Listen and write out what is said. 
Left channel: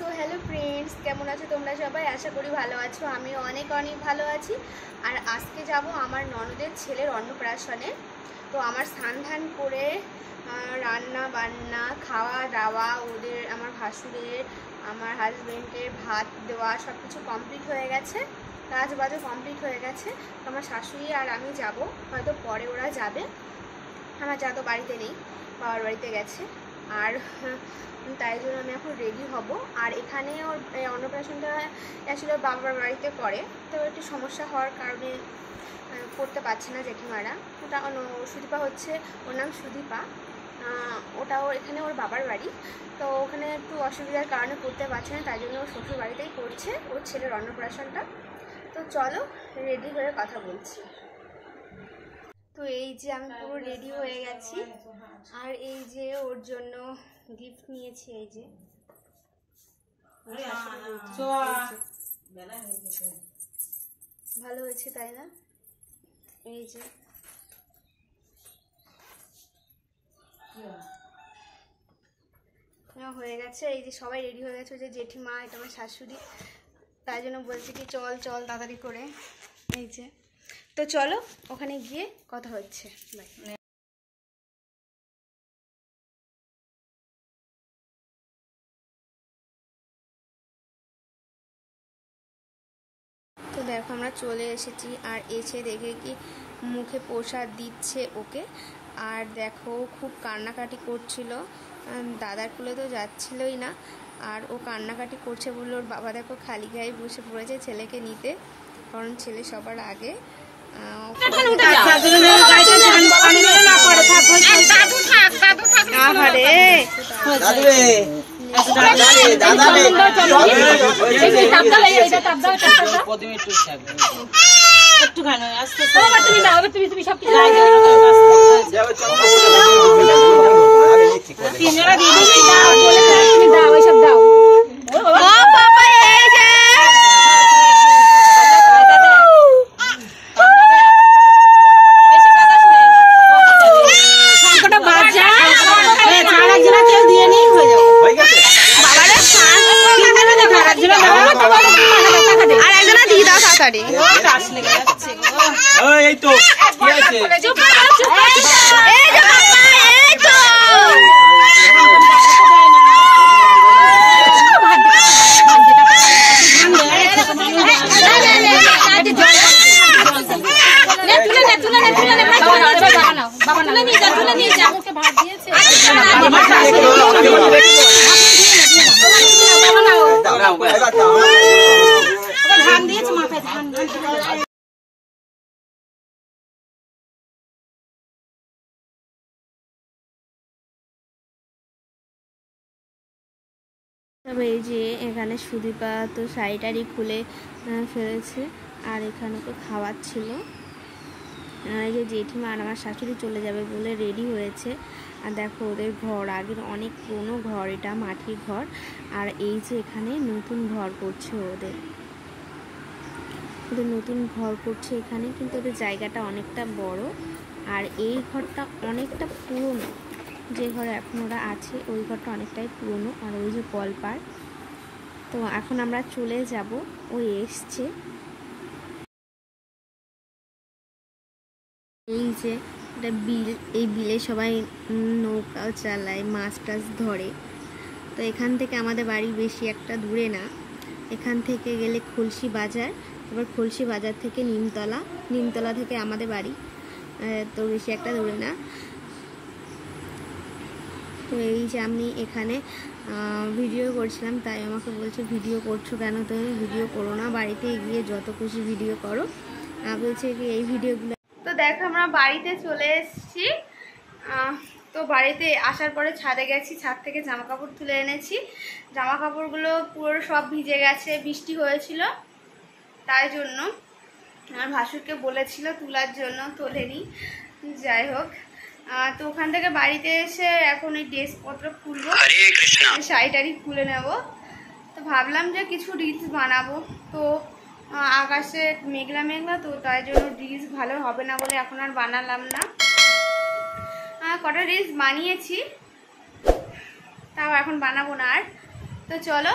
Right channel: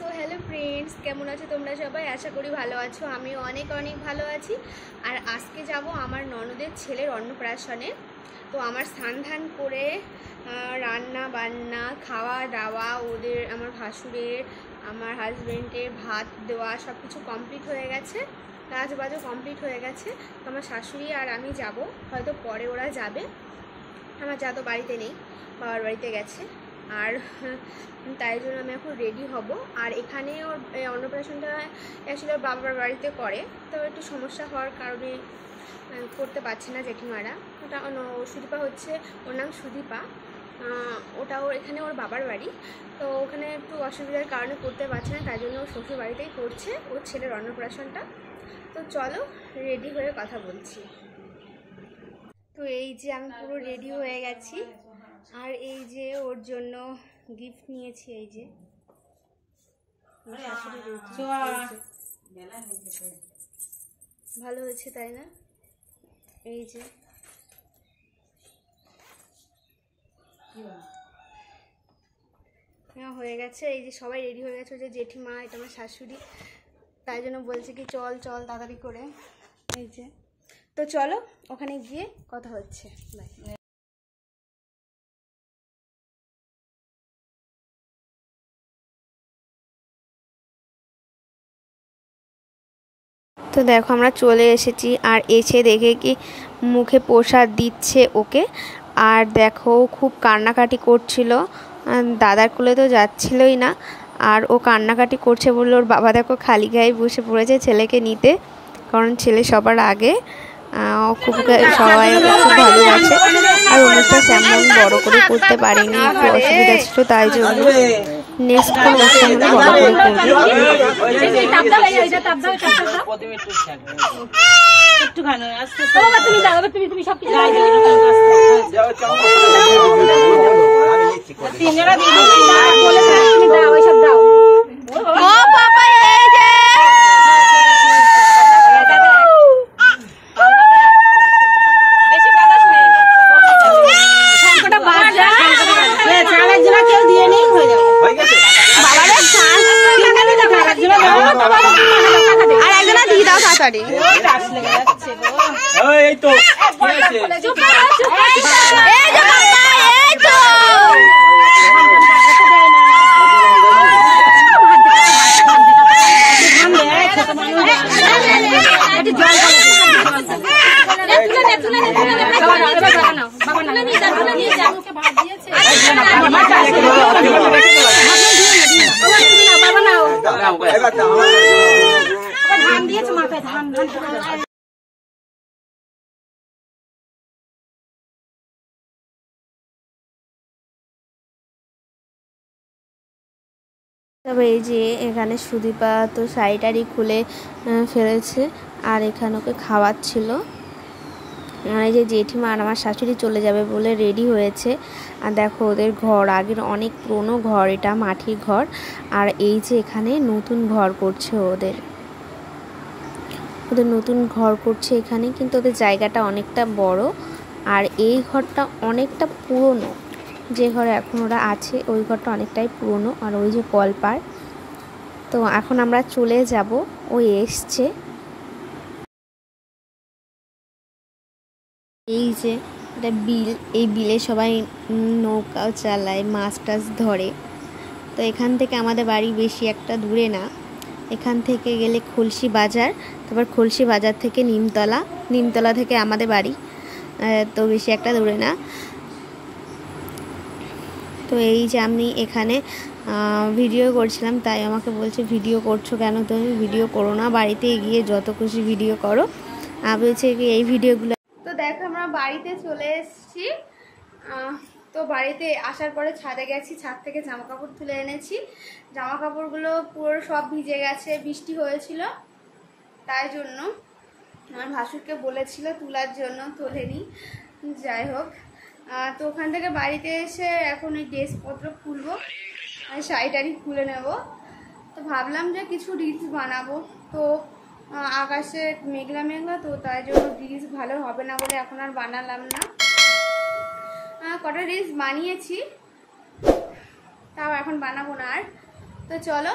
So hello friends, কেমন আছো তোমরা সবাই? আশা করি ভালো আছো। আমিও অনেক ভালো আছি। আর আজকে যাব আমার ননদের ছেলের অন্নপ্রাশনে। তো আমার স্নান ধান করে রান্না বান্না খাওয়া দাওয়া ওদের আমার ভাসুরের আমার হাজব্যান্ডের ভাত দেওয়া সব কিছু কমপ্লিট হয়ে গেছে, কাজ বাজও কমপ্লিট হয়ে গেছে। তো আমার শাশুড়ি আর আমি যাব, হয়তো পরে ওরা যাবে। আমার যা তো বাড়িতে নেই, বাবার বাড়িতে গেছে। আর তাই জন্য আমি এখন রেডি হব। আর এখানে ওর অন্নপ্রাশনটা অ্যাকচুয়ালি বাবার বাড়িতে করে, তো একটু সমস্যা হওয়ার কারণে করতে পারছে না জেঠিমারা। ওটা সুদীপা হচ্ছে, ওর নাম সুদীপা। ওটাও এখানে ওর বাবার বাড়ি, তো ওখানে একটু অসুবিধার কারণে করতে পারছে না, তাই জন্য ওর শ্বশুর বাড়িতেই করছে ওর ছেলের অন্নপ্রাশনটা। তো চলো রেডি হয়ে কথা বলছি। তো এই যে আমি পুরো রেডি হয়ে গেছি, আর এই যে ওর জন্য গিফট নিয়েছি। এই যে ভালো হয়েছে তাই না? এই যে হয়ে গেছে। এই যে সবাই রেডি হয়ে গেছে। ওই যে জেঠিমা, এটা আমার শাশুড়ি, তাই জন্য বলছে কি চল চল তাড়াতাড়ি করে। এই যে তো চলো ওখানে গিয়ে কথা হচ্ছে। বাই। তো দেখো আমরা চলে এসেছি, আর এসে দেখে কি মুখে প্রসাদ দিচ্ছে ওকে। আর দেখো খুব কান্নাকাটি করছিল, দাদার কোলে তো যাচ্ছিলই না। আর ও কান্নাকাটি করছে বললো ওর বাবা দেখো খালি গায়ে বসে পড়েছে ছেলেকে নিতে, কারণ ছেলে সবার আগে। খুব সবাই ভালোবাসে। আর ওনাটা তেমন বড় করে করতে পারিনি, তাই জন্য নেক্সট তবে এই যে এখানে সুদীপা তো শাড়িটারি খুলে ফেলেছে, আর এখানে ওকে খাওয়াচ্ছিল। এই যে জেঠিমা আর আমার শাশুড়ি চলে যাবে বলে রেডি হয়েছে। আর দেখো ওদের ঘর আগের অনেক পুরনো ঘর, এটা মাটির ঘর। আর এই যে এখানে নতুন ঘর করছে ওদের নতুন ঘর করছে এখানে, কিন্তু ওদের জায়গাটা অনেকটা বড়। আর এই ঘরটা অনেকটা পুরনো, যে ঘরে এখন ওরা আছে ওই ঘরটা অনেকটাই পুরনো। আর ওই যে কলপার, তো এখন আমরা চলে যাব। ওই এসছে, এই যে এটা বিল, এই বিলে সবাই নৌকাও চালায়, মাছ টাছ ধরে। তো এখান থেকে আমাদের বাড়ি বেশি একটা দূরে না, এখান থেকে গেলে খুলশি বাজার, তারপর খুলশি বাজার থেকে নিমতলা থেকে আমাদের বাড়ি, তো বেশি একটা দূরে না। তো এই যে আমি এখানে ভিডিও করছিলাম, তাই আমাকে বলছে ভিডিও করছো কেন, তুমি ভিডিও করো না, বাড়িতে গিয়ে যত খুশি ভিডিও করো। আমি বলছি কি এই ভিডিওগুলো। তো দেখো আমরা বাড়িতে চলে এসেছি। তো বাড়িতে আসার পরে ছাদে গেছি, ছাদ থেকে জামা কাপড় তুলে এনেছি। জামা কাপড়গুলো পুরো সব ভিজে গেছে, বৃষ্টি হয়েছিল, তাই জন্য আমার ভাসুরকে বলেছিল তোলার জন্য, তোলেনি। যাই হোক, তো ওখান থেকে বাড়িতে এসে এখন এই ড্রেসপত্র খুলবো, শাড়িটারি খুলে নেব। তো ভাবলাম যে কিছু রিলস বানাবো, তো আকাশে মেঘলা মেঘলা, তো তাই জন্য রিলস ভালো হবে না বলে এখন আর বানালাম না। কটা রিলস বানিয়েছি, তাও এখন বানাবো না আর। তো চলো